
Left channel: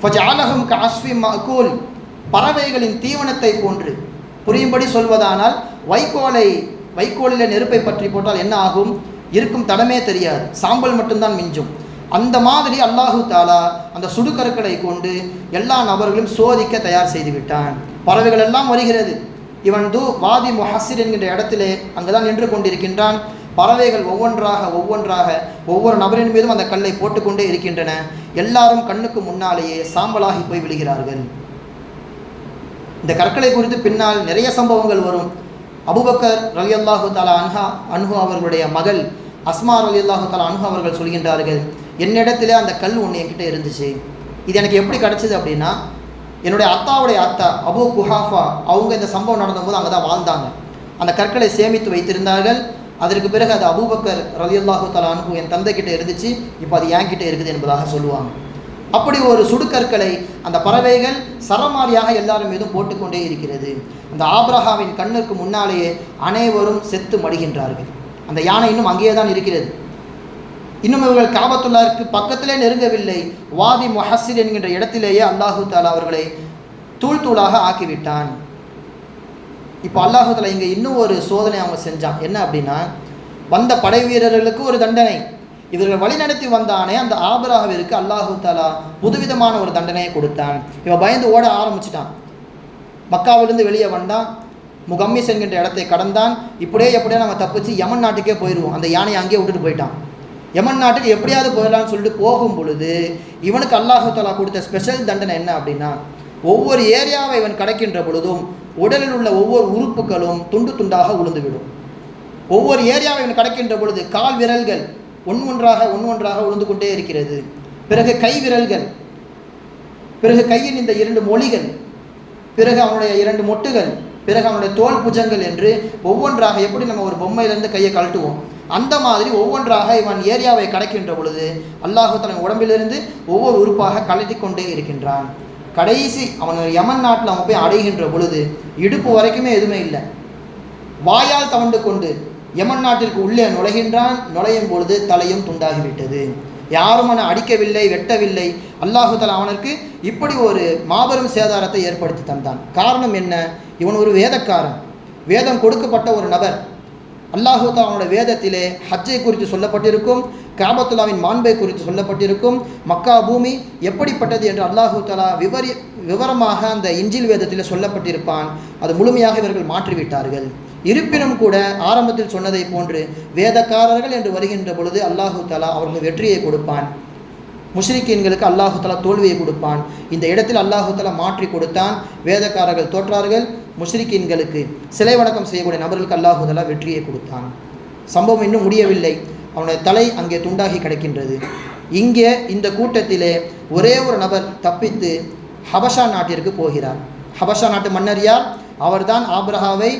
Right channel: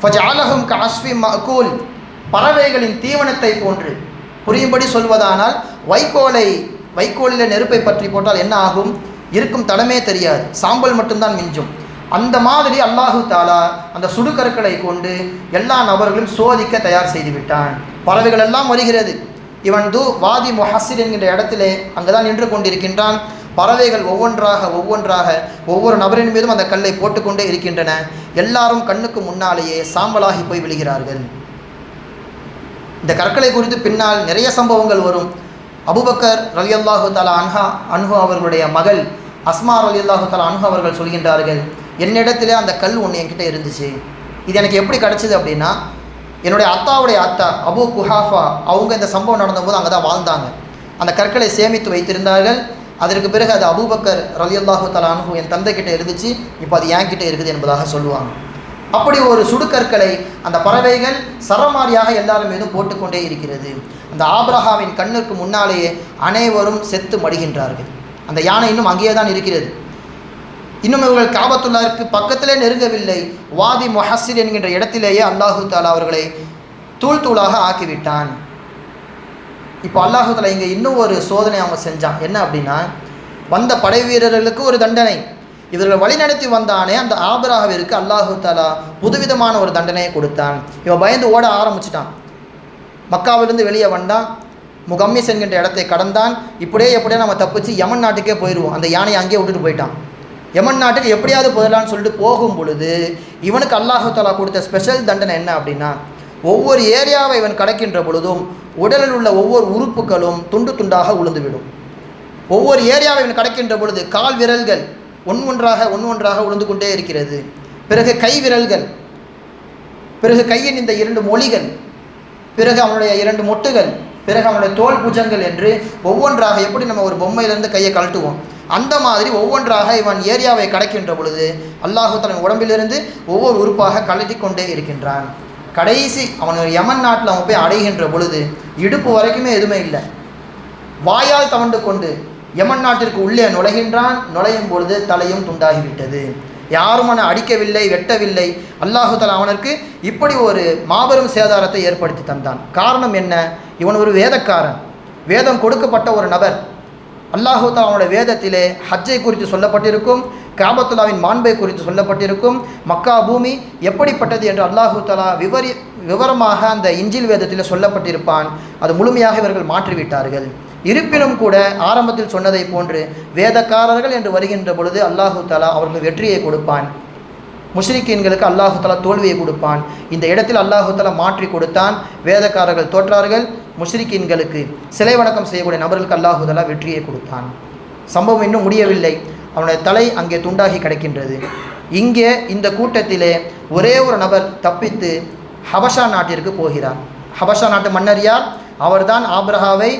ஃபஜஅலஹும் கஅஸ்ஃபின் மஅகூல். பறவைகளின் தீவனத்தை போன்று. புரியும்படி சொல்வதானால் வைக்கோலில் நெருப்பை பற்றி போட்டால் என்ன ஆகும்? இருக்கும் தடமே தெரியாது, சாம்பல் மட்டும்தான் மிஞ்சும். அந்த மாதிரி அல்லாஹு தஆலா அந்த சுடுகற்களை கொண்டு எல்லா நபர்களும் சோதிக்க தயார் செய்து விட்டான். பறவைகள் எல்லாம் வருகிறது. இவன் வாதி முஹஸ்ஸிர் என்கின்ற இடத்திலே அங்குதான் நின்று கொண்டிருக்கின்றான். பறவைகள் ஒவ்வொன்றாக ஒவ்வொரு நபரின் மீதும் அந்த கல்லை போட்டுக்கொண்டே இருக்கின்றன. எல்லாரும் கண்ணுக்கு முன்னாலேயே சாம்பலாகி போய் விழுகிறார்கள். இந்த கற்களை குறித்து பின்னால் நிறைய சம்பவங்கள் வரும். அபூபக்கர் ரலியல்லாஹு தஆலா அன்ஹு அவர்களுடைய மகள் அஸ்மா ரலியல்லாஹு தஆலா அன்ஹு அவர்கள் சொல்கின்றார்கள், என்னிடத்திலே அந்த கல் ஒன்று என்கிட்ட இருந்துச்சு. இது எனக்கு எப்படி கிடச்சிது அப்படின்னா, என்னுடைய அத்தாவுடைய அத்தா அபூ குஹாஃபா அவங்க இந்த சம்பவம் நடந்தபோது அங்கே தான் வாழ்ந்தாங்க. அந்த கற்களை சேமித்து வைத்திருந்தார்கள். அதற்கு பிறகு அது அபூபக்கர் ரலியல்லாஹு தஆலா அன்ஹு என் தந்தைக்கிட்ட இருந்துச்சு, இப்போ அது என்கிட்ட இருக்குது என்பதாக சொல்லுவாங்க. அப்படி ஒரு சுடுகற்களை அந்த பறவைகள் சரமாரியாக எல்லாரும் மீதும் போட்டுக்கொண்டே இருக்கிறது. அந்த ஆப்ரஹாவின் கண்ணுக்கு முன்னாலேயே அனைவரும் செத்து மடிகின்றார்கள். அந்த யானை இன்னும் அங்கேயே தான் இருக்கிறது. இன்னும் இவர்கள் காபத்துல்லாஹ்விற்கு பக்கத்திலே நெருங்கவில்லை. வாதி முஹஸ்ஸிர் என்கின்ற இடத்திலேயே அல்லாஹு தஆலா அவர்களை தூள் தூளாக ஆக்கிவிட்டான். இப்போ அல்லாஹு தஆலா இங்கே இன்னும் ஒரு சோதனை அவங்க செஞ்சான். என்ன அப்படின்னா, வந்த படை வீரர்களுக்கு ஒரு தண்டனை, இவர்கள் வழிநடத்தி வந்தானே அந்த ஆபிரகாவிற்கு அல்லாஹு தஆலா புதுவிதமான ஒரு தண்டனையை கொடுத்தான். இவன் பயந்து ஓட ஆரம்பிச்சிட்டான். மக்காவிலிருந்து வெளியே வந்தான். முகம்மிஸ் என்கின்ற இடத்தை கடந்தான். எப்படியே நம்ம தப்பிச்சு யமன் நாட்டுக்கே போயிடுவோம். அந்த யானையை அங்கேயே விட்டுட்டு போயிட்டான். யமன் நாட்டுக்கு எப்படியாவது போயிடலான்னு சொல்லிட்டு போகும் பொழுது இவனுக்கு அல்லாஹு தஆலா கொடுத்த ஸ்பெஷல் தண்டனை என்ன அப்படின்னா, ஒவ்வொரு ஏரியாவை இவன் கடக்கின்ற பொழுதும் உடலில் உள்ள ஒவ்வொரு உறுப்புகளும் துண்டு துண்டாக உளுந்துவிடும். ஒவ்வொரு ஏரியாவை இவன் கடக்கின்ற பொழுது கால் விரல்கள் ஒன்றொன்றாக உளுந்து கொண்டே இருக்கிறது. பிறகு கை விரல்கள், பிறகு கையின் இந்த 2 மொழிகள், பிறகு அவனுடைய 2 மொட்டுகள், பிறகு அவனுடைய தோல் புஜங்கள் என்று ஒவ்வொன்றாக, எப்படி நம்ம ஒரு பொம்மையிலேருந்து கையை கழட்டுவோம் அந்த மாதிரி ஒவ்வொன்றாக இவன் ஏரியாவை கடக்கின்ற பொழுது அல்லாஹு தஆலா உடம்பிலிருந்து ஒவ்வொரு உறுப்பாக கழட்டி கொண்டே இருக்கின்றான். கடைசி அவன் யமன் நாட்டில் அவன் போய் அடைகின்ற பொழுது இடுப்பு வரைக்குமே எதுவுமே இல்லை. வாயால் தவண்டு கொண்டு யமன் நாட்டிற்கு உள்ளே நுழையும் பொழுது தலையும் துண்டாகிவிட்டது. யாரும் அவனை அடிக்கவில்லை, வெட்டவில்லை. அல்லாஹு தஆலா அவனுக்கு இப்படி ஒரு மாபெரும் சேதாரத்தை ஏற்படுத்தி தந்தான். காரணம் என்ன? இவன் ஒரு வேதக்காரன், வேதம் கொடுக்கப்பட்ட ஒரு நபர். அல்லாஹு தஆலா அவனுடைய வேதத்திலே ஹஜ்ஜை குறித்து சொல்லப்பட்டிருக்கும், காபத்துல்லாவின் மாண்பை குறித்து சொல்லப்பட்டிருக்கும், மக்கா பூமி எப்படிப்பட்டது என்று அல்லாஹு தஆலா விவரமாக அந்த இஞ்சில் வேதத்தில் சொல்லப்பட்டிருப்பான். அது முழுமையாக இவர்கள் மாற்றிவிட்டார்கள். இருப்பினும் கூட ஆரம்பத்தில் சொன்னதை போன்று வேதக்காரர்கள் என்று வருகின்ற பொழுது அல்லாஹு தஆலா அவர்களுக்கு வெற்றியை கொடுப்பான், முஷ்ரிக்கீன்களுக்கு அல்லாஹு தஆலா தோல்வியை கொடுப்பான். இந்த இடத்தில் அல்லாஹு தஆலா மாற்றி கொடுத்தான். வேதக்காரர்கள் தோற்றார்கள், முஷ்ரிக்கீன்களுக்கு சிலை வணக்கம் செய்யக்கூடிய நபர்களுக்கு அல்லாஹு தஆலா வெற்றியை கொடுத்தான். சம்பவம் இன்னும் முடியவில்லை. அவனுடைய தலை அங்கே துண்டாகி கிடக்கின்றது. இங்கே இந்த கூட்டத்திலே ஒரே ஒரு நபர் தப்பித்து ஹபஷா நாட்டிற்கு போகிறார். ஹபஷா நாட்டு மன்னர் யார்? அவர்தான் ஆபிரகாவை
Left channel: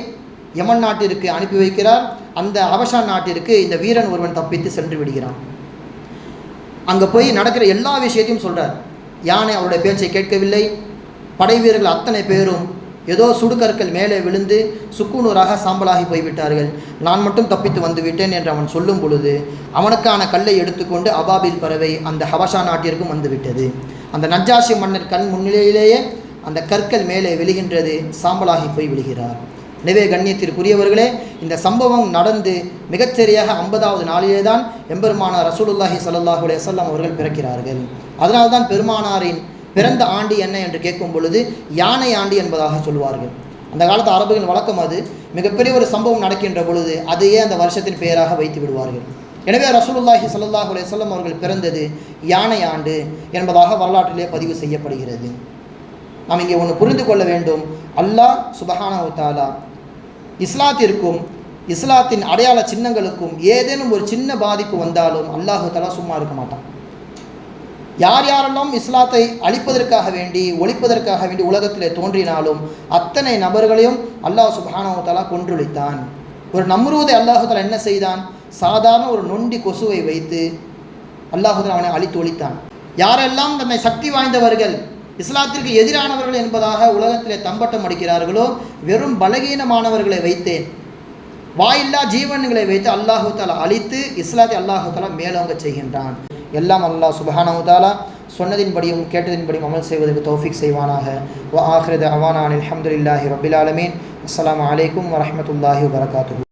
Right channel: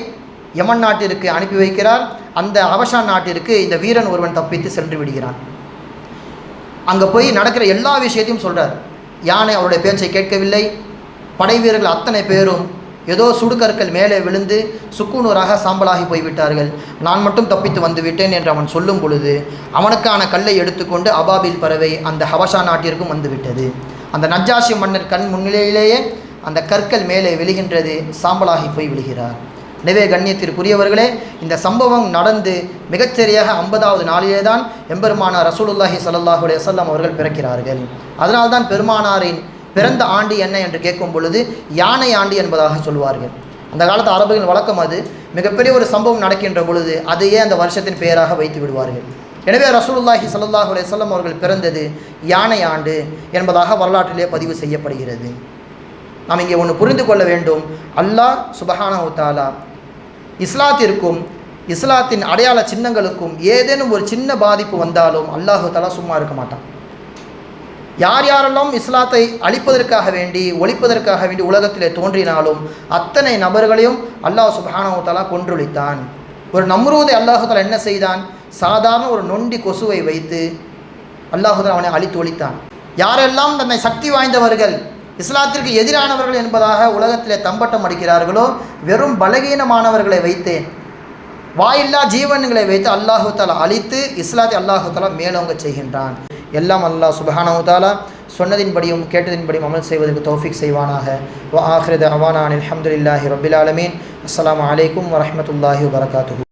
யமன் நாட்டிற்கு அனுப்பி வைக்கிறார். அந்த ஹபஷா நாட்டிற்கு இந்த வீரன் ஒருவன் தப்பித்து சென்று விடுகிறான். அங்கே போய் நடக்கிற எல்லா விஷயத்தையும் சொல்கிறார். யானை அவருடைய பேச்சை கேட்கவில்லை. படை வீரர்கள் அத்தனை பேரும் ஏதோ சுடுகற்கள் மேலே விழுந்து சுக்குநூறாக சாம்பலாகி போய்விட்டார்கள். நான் மட்டும் தப்பித்து வந்து விட்டேன் என்று அவன் சொல்லும் பொழுது அவனுக்கான கல்லை எடுத்துக்கொண்டு அபாபில் பறவை அந்த ஹபஷா நாட்டிற்கும் வந்துவிட்டது. அந்த நஜ்ஜாஷி மன்னர் கண் முன்னிலையிலேயே அந்த கற்கள் மேலே விழுகின்றது, சாம்பலாகி போய் விழுகிறார். எனவே கண்ணியத்திற்குரியவர்களே, இந்த சம்பவம் நடந்து மிகச்சரியாக 50வது நாளிலே தான் எம்பெருமானார் ரசூலுல்லாஹி ஸல்லல்லாஹு அலைஹி வஸல்லம் அவர்கள் பிறக்கிறார்கள். அதனால்தான் பெருமானாரின் பிறந்த ஆண்டு என்ன என்று கேட்கும் பொழுது யானை ஆண்டு என்பதாக சொல்வார்கள். அந்த காலத்து அரபுகளின் வழக்கம் அது. மிகப்பெரிய ஒரு சம்பவம் நடக்கின்ற பொழுது அதையே அந்த வருஷத்தின் பெயராக வைத்து விடுவார்கள். எனவே ரசூலுல்லாஹி ஸல்லல்லாஹு அலைஹி வஸல்லம் அவர்கள் பிறந்தது யானை ஆண்டு என்பதாக வரலாற்றிலே பதிவு செய்யப்படுகிறது. நாம் இங்கே ஒன்று புரிந்து கொள்ள வேண்டும். அல்லாஹ் சுப்ஹானஹு தஆலா இஸ்லாத்திற்கும் இஸ்லாத்தின் அடையாள சின்னங்களுக்கும் ஏதேனும் ஒரு சின்ன பாதிப்பு வந்தாலும் அல்லாஹு தஆலா சும்மா இருக்க மாட்டான். யாரெல்லாம் இஸ்லாத்தை அழிப்பதற்காக வேண்டி ஒழிப்பதற்காக வேண்டி உலகத்திலே தோன்றினாலும் அத்தனை நபர்களையும் அல்லாஹ் சுப்ஹானஹு தஆலா கொன்றொழித்தான். ஒரு நம்ரூதை அல்லாஹு தஆலா என்ன செய்தான்? சாதாரண ஒரு நொண்டி கொசுவை வைத்து அல்லாஹு தஆலா அவனை அழித்து ஒழித்தான். யாரெல்லாம் தன்னை சக்தி வாய்ந்தவர்கள், இஸ்லாத்திற்கு எதிரானவர்கள் என்பதாக உலகத்திலே தம்பட்டம் அடிக்கிறார்களோ வெறும் பலகீனமானவர்களை வைத்து, வாயில்லா ஜீவன்களை வைத்து அல்லாஹு தஆலா அழித்து இஸ்லாத்தை அல்லாஹு தஆலா மேலோங்க செய்கின்றான். எல்லாம் அல்லாஹ் சுப்ஹானஹு தஆலா சொன்னதின்படியும் கேட்டதின்படியும் அமல் செய்வதற்கு தௌஃபீக் செய்வானாக. வ ஆகிரு தஅவானா அனில் ஹம்துலில்லாஹி ரப்பில் ஆலமீன். அஸ்ஸலாமு அலைக்கும் வரஹ்மத்துல்லாஹி வபரகாத்துஹு.